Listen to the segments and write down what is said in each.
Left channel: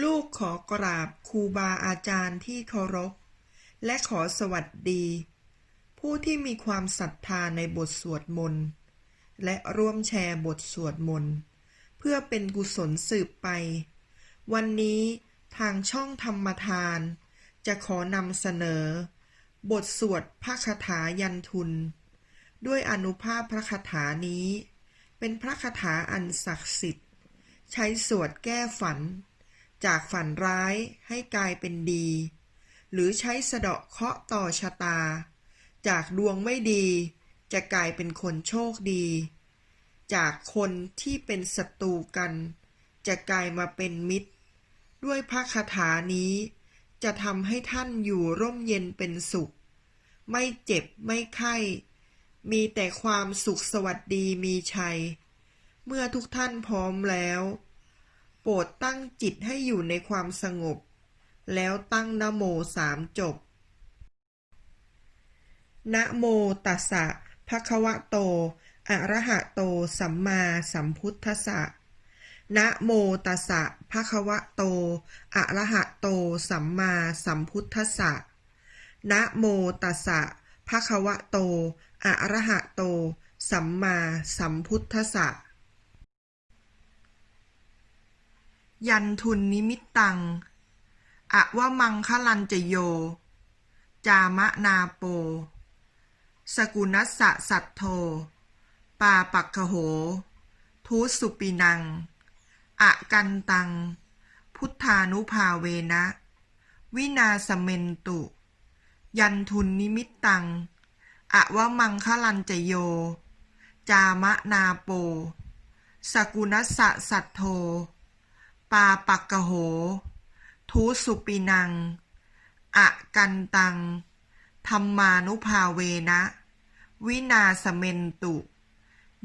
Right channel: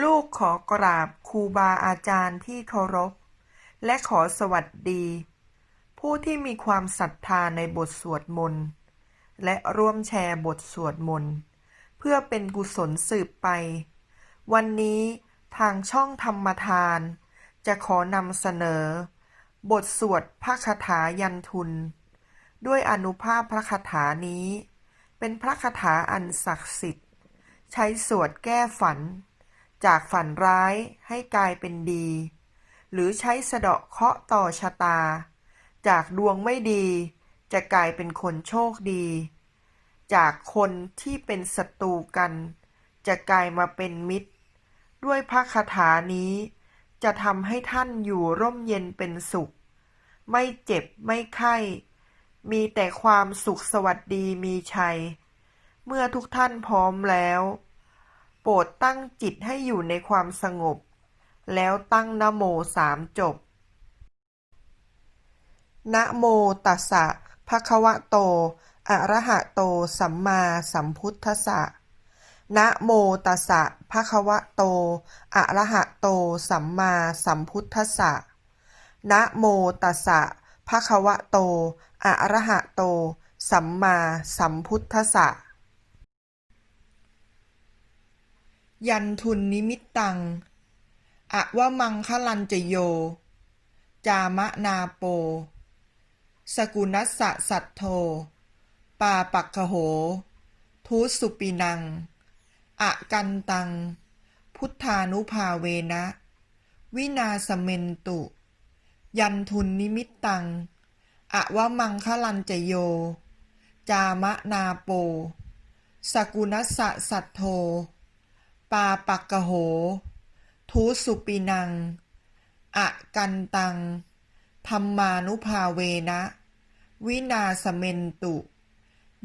ลูกขอกราบครูบาอาจารย์ที่เคารพ และขอสวัสดี ผู้ที่มีความศรัทธาในบทสวดมนต์ และร่วมแชร์บทสวดมนต์ เพื่อเป็นกุศลสืบไป วันนี้ทางช่องธรรมทาน จะขอนำเสนอ บทสวดพระคาถายันทุน ด้วยอนุภาพพระคาถานี้ เป็นพระคาถาอันศักดิ์สิทธิ์ ใช้สวดแก้ฝัน จากฝันร้ายให้กลายเป็นดี หรือใช้สะเดาะเคาะต่อชะตา จากดวงไม่ดี จะกลายเป็นคนโชคดี จากคนที่เป็นศัตรูกัน จะกลายมาเป็นมิตร ด้วยพระคาถานี้ จะทำให้ท่านอยู่ร่มเย็นเป็นสุข ไม่เจ็บไม่ไข้ มีแต่ความสุขสวัสดีมีชัย เมื่อทุกท่านพร้อมแล้ว โปรดตั้งจิตให้อยู่ในความสงบ แล้วตั้งนโมสามจบ นะโมตัสสะภะคะวะโต อะระหะโต สัมมาสัมพุทธัสสะ นะโมตัสสะภะคะวะโต อะระหะโต สัมมาสัมพุทธัสสะ นะโมตัสสะภะคะวะโต อะระหะโต สัมมาสัมพุทธัสสะ ยันทุนนิมิตตัง อะวะมังคลันจโย จามะนาโป สกุนัสสะสัตโท ปาปักขโหทุสุปินัง อะกันตัง พุทธานุภาเวนะ วินาสเมนตุ ยันทุนนิมิตตัง อะวะมังคลันจโย จามะนาโป สกุนัสสะสัตโท ปาปักกโหทุสุปินัง อะกันตัง ธรรมานุภาเวนะ วินาสเมนตุ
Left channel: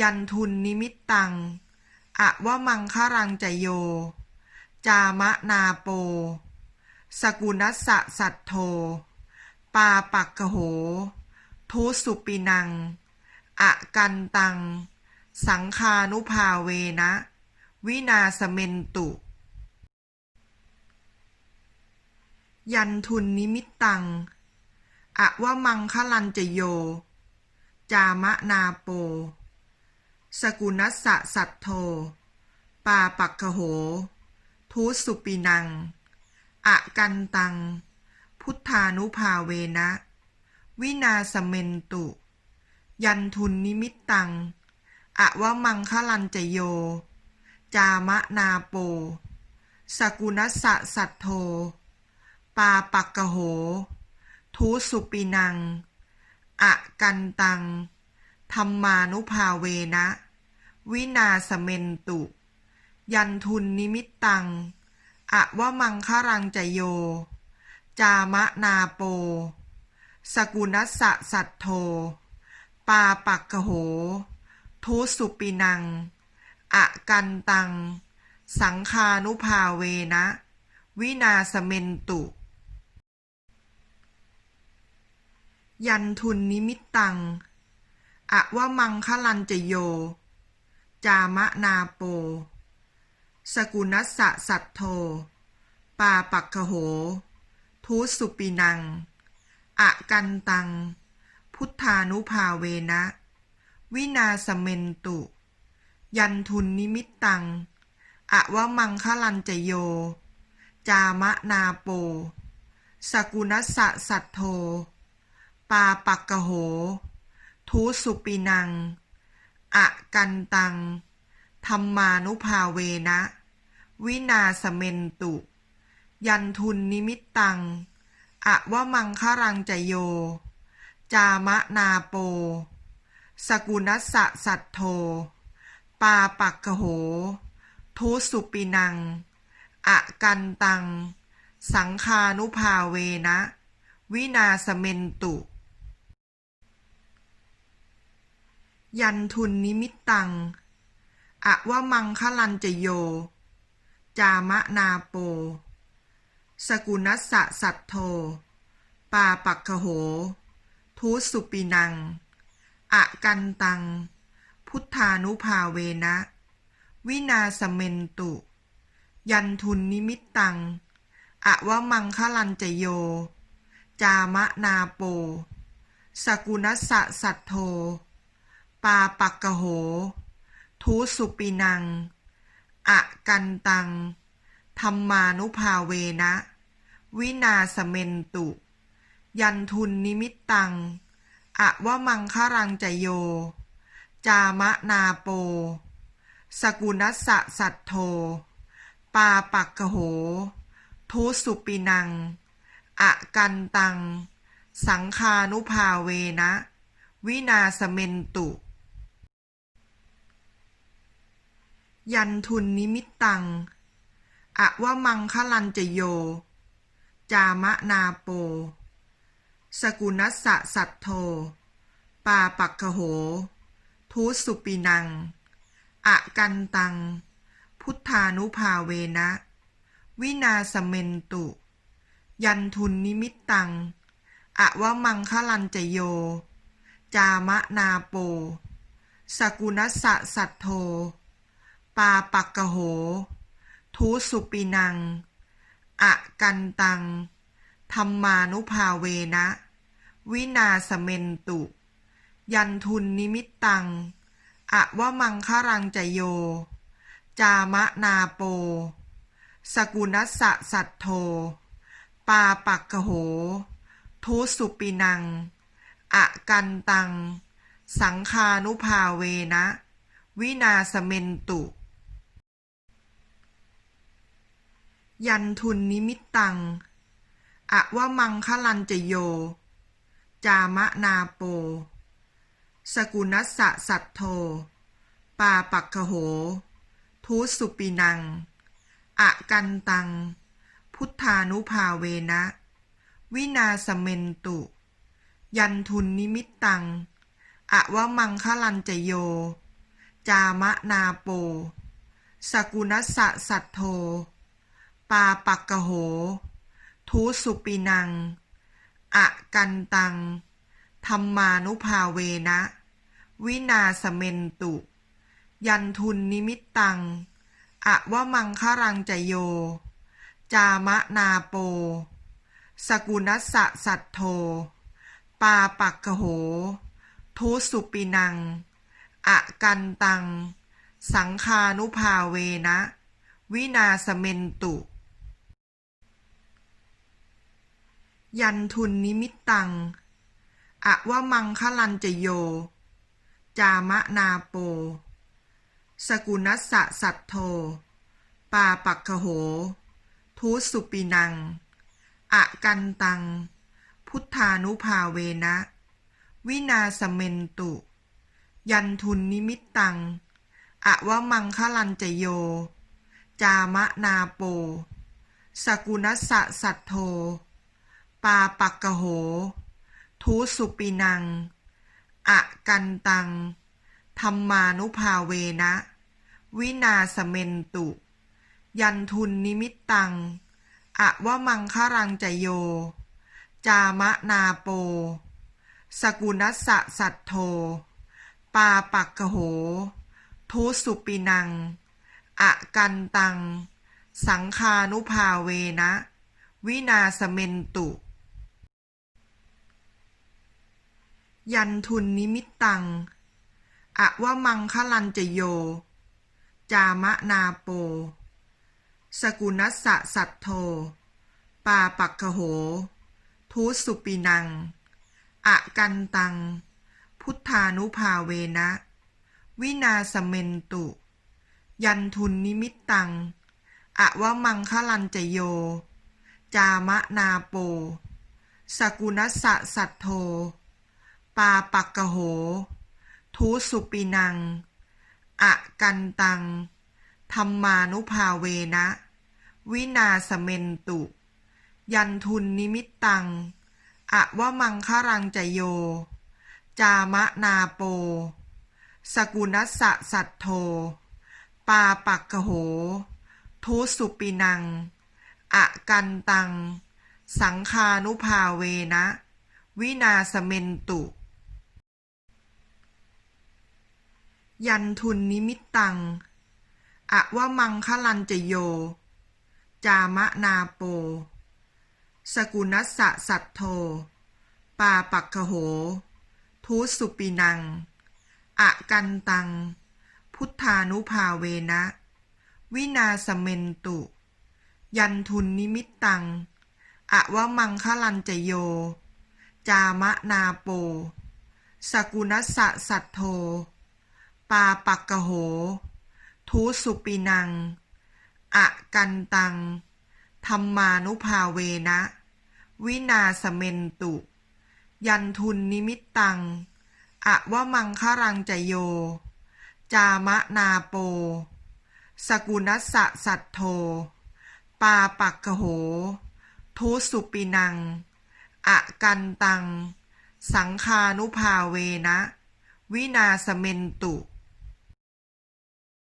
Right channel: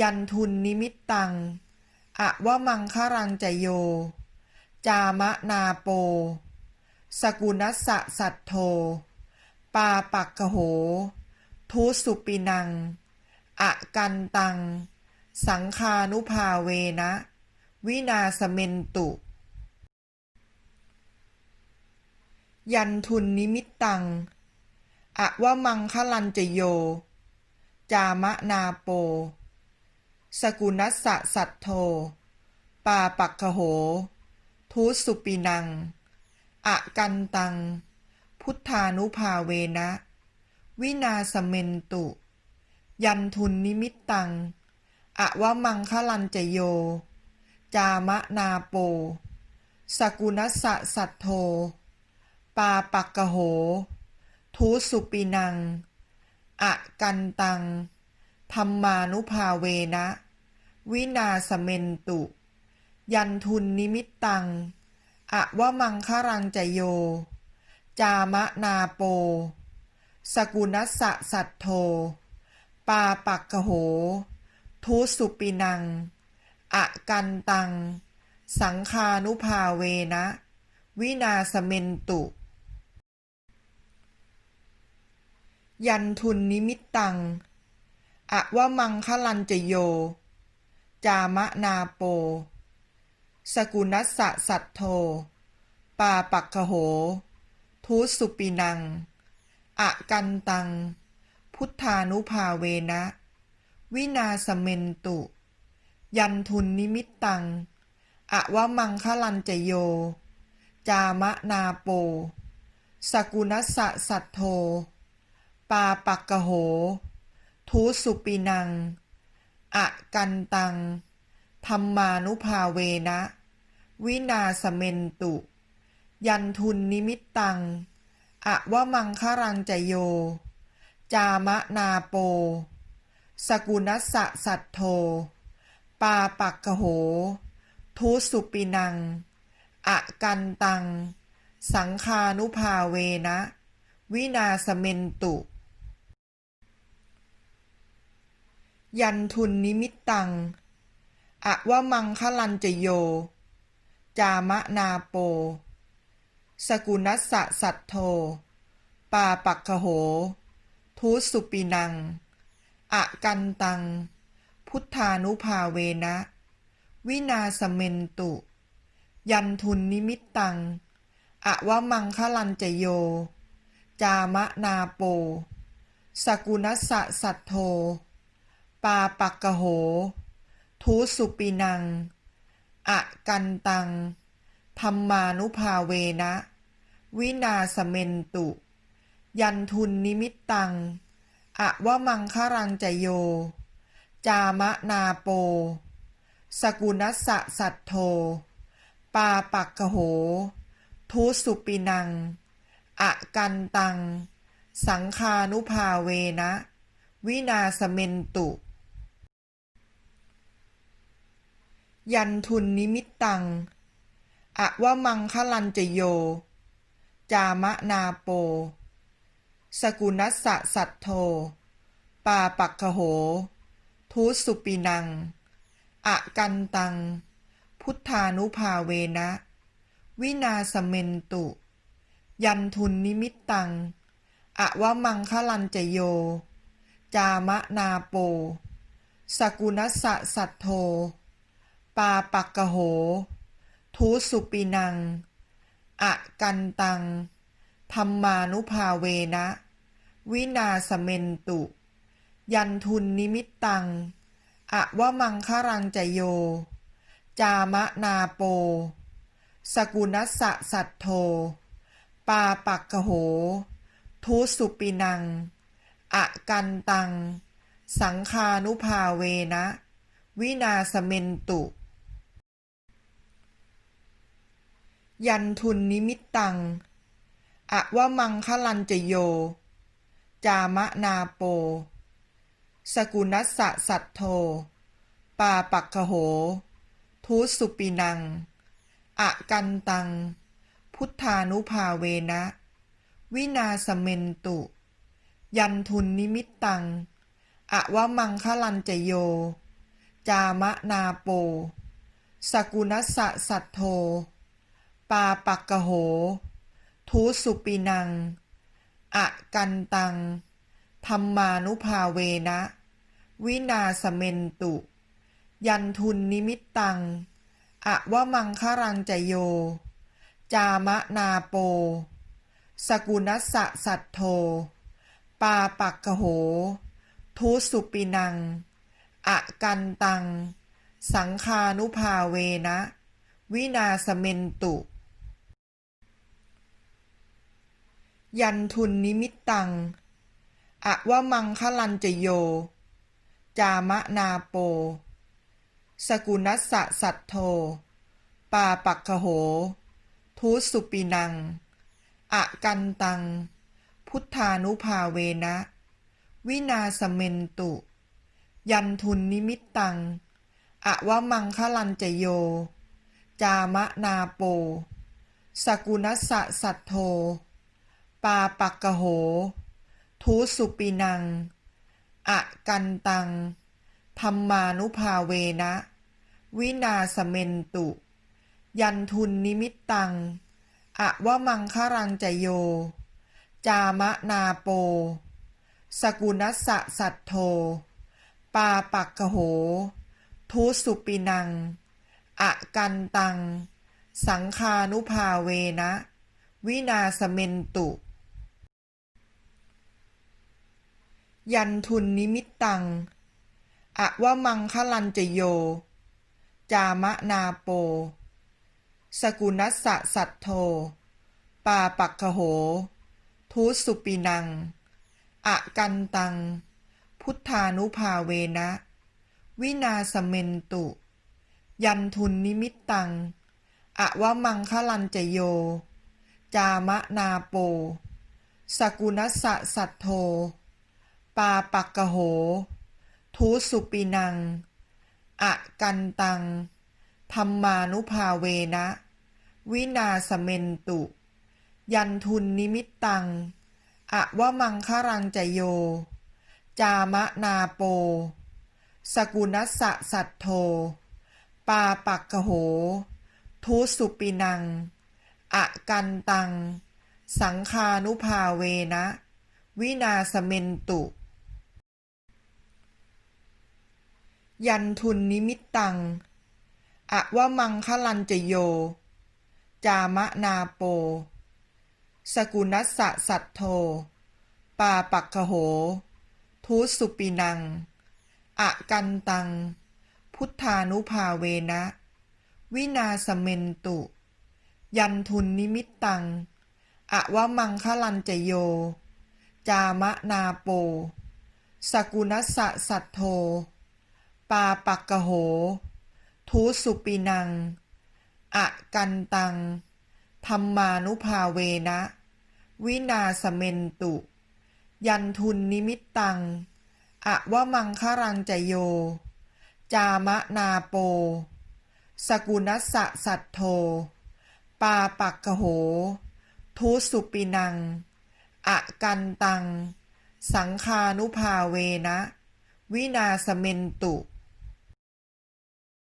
ยันทุนนิมิตตัง อะวะมังครังจโย จามะนาโป สกุนัสสะสัตโท ปาปักกโหทุสุปินัง อะกันตัง สังคานุภาเวนะวินาสเมนตุ ยันทุนนิมิตตัง อะวะมังคลันจโย จามะนาโป สกุนัสสะสัตโท ปาปักขโหทุสุปินัง อะกันตัง พุทธานุภาเวนะ วินาสเมนตุ ยันทุนนิมิตตัง อะวะมังคลันจโย จามะนาโป สกุนัสสะสัตโท ปาปักกโห ทุสุปินัง อะกันตัง ธรรมานุภาเวนะ วินาสเมนตุ ยันทุนนิมิตตัง อะวะมังครังจโย จามะนาโป สกุนัสสะสัตโท ปาปักกโห ทุสุปินัง อะกันตัง สังคานุภาเวนะวินาสเมนตุ ยันทุนนิมิตตัง อะวะมังคลันจโย จามะนาโป สกุนัสสะสัตโท ปาปักขโหทุสุปินัง อะกันตัง พุทธานุภาเวนะ วินาสเมนตุ ยันทุนนิมิตตัง อะวะมังคลันจโย จามะนาโป สกุนัสสะสัตโท ปาปักกโหทุสุปินัง อะกันตัง ธรรมานุภาเวนะ วินาสเมนตุ ยันทุนนิมิตตัง อะวะมังครังจโย จามะนาโป สกุนัสสะสัตโท ปาปักกโหทุสุปินัง อะกันตัง สังคานุภาเวนะวินาสเมนตุ ยันทุนนิมิตตัง อะวะมังคลันจโย จามะนาโป สกุนัสสะสัตโท ปาปักขโหทุสุปินัง อะกันตัง พุทธานุภาเวนะ วินาสเมนตุ ยันทุนนิมิตตัง อะวะมังคลันจโย จามะนาโป สกุนัสสะสัทโท ปาปักกะโหทุสุปินัง อะกันตัง ธรรมานุภาเวนะ วินาสเมนตุ ยันทุนนิมิตตัง อะวะมังครังจโย จามะนาโป สกุนัสสะสัทโท ปาปักกะโหทุสุปินัง อะกันตัง สังคานุภาเวนะวินาสเมนตุ ยันทุนนิมิตตัง อะวะมังคลันจโย จามะนาโป สกุนัสสะสัทโท ปาปักกะโหทุสุปินัง อะกันตัง พุทธานุภาเวนะ วินาสเมนตุ ยันทุนนิมิตตัง อะวะมังคลันจโย จามะนาโป สกุนัสสะสัทโท ปาปักกะโห ทุสุปินัง อะกันตัง ธรรมานุภาเวนะ วินาสเมนตุ ยันทุนนิมิตตัง อะวะมังครังจโย จามะนาโป สกุนัสสะสัทโท ปาปักกะโห ทุสุปินัง อะกันตัง สังคานุภาเวนะวินาสเมนตุ ยันทุนนิมิตตัง อะวะมังคลันจโย จามะนาโป สกุนัสสะสัทโท ปาปักกะโหทุสุปินัง อะกันตัง พุทธานุภาเวนะ วินาสเมนตุ ยันทุนนิมิตตัง อะวะมังคลันจโย จามะนาโป สกุนัสสะสัทโท ปาปักกะโหทุสุปินัง อะกันตัง ธรรมานุภาเวนะ วินาสเมนตุ ยันทุนนิมิตตัง อะวะมังครังจโย จามะนาโป สกุนัสสะสัทโท ปาปักกะโหทุสุปินัง อะกันตัง สังคานุภาเวนะวินาสเมนตุ ยันทุนนิมิตตัง อะวะมังคลันจโย จามะนาโป สกุนัสสะสัทโท ปาปักกะโหทุสุปินัง อะกันตัง พุทธานุภาเวนะ วินาสเมนตุ ยันทุนนิมิตตัง อะวะมังคลันจโย จามะนาโป สกุนัสสะสัทโท ปาปักกะโหทุสุปินัง อะกันตัง ธรรมานุภาเวนะ วินาสเมนตุ ยันทุนนิมิตตัง อะวะมังครังจโย จามะนาโป สกุนัสสะสัทโท ปาปักกะโหทุสุปินัง อะกันตัง สังคานุภาเวนะวินาสเมนตุ ยันทุนนิมิตตัง อะวะมังคลันจโย จามะนาโป สกุนัสสะสัทโท ปาปักกะโหทุสุปินัง อะกันตัง พุทธานุภาเวนะ วินาสเมนตุ ยันทุนนิมิตตัง อะวะมังคลันจโย จามะนาโป สกุนัสสะสัทโท ปาปักกะโห ทุสุปินัง อะกันตัง ธรรมานุภาเวนะ วินาสเมนตุ ยันทุนนิมิตตัง อะวะมังครังจโย จามะนาโป สกุนัสสะสัทโท ปาปักกะโห ทุสุปินัง อะกันตัง สังคานุภาเวนะวินาสเมนตุ ยันทุนนิมิตตัง อะวะมังคลันจโย จามะนาโป สกุนัสสะสัทโธปาปักขโหทุสุปินัง อะกันตัง พุทธานุภาเวนะ วินาสเมนตุ ยันทุนนิมิตตัง อะวะมังคลันจโย จามะนาโป สกุนัสสะสัทโธ ปาปักกโหทุสุปินัง อะกันตัง ธรรมานุภาเวนะ วินาสเมนตุ ยันทุนนิมิตตัง อะวะมังครังจโย จามะนาโป สกุนัสสะสัทโธปาปักกโหทุสุปินัง อะกันตัง สังคานุภาเวนะวินาสเมนตุ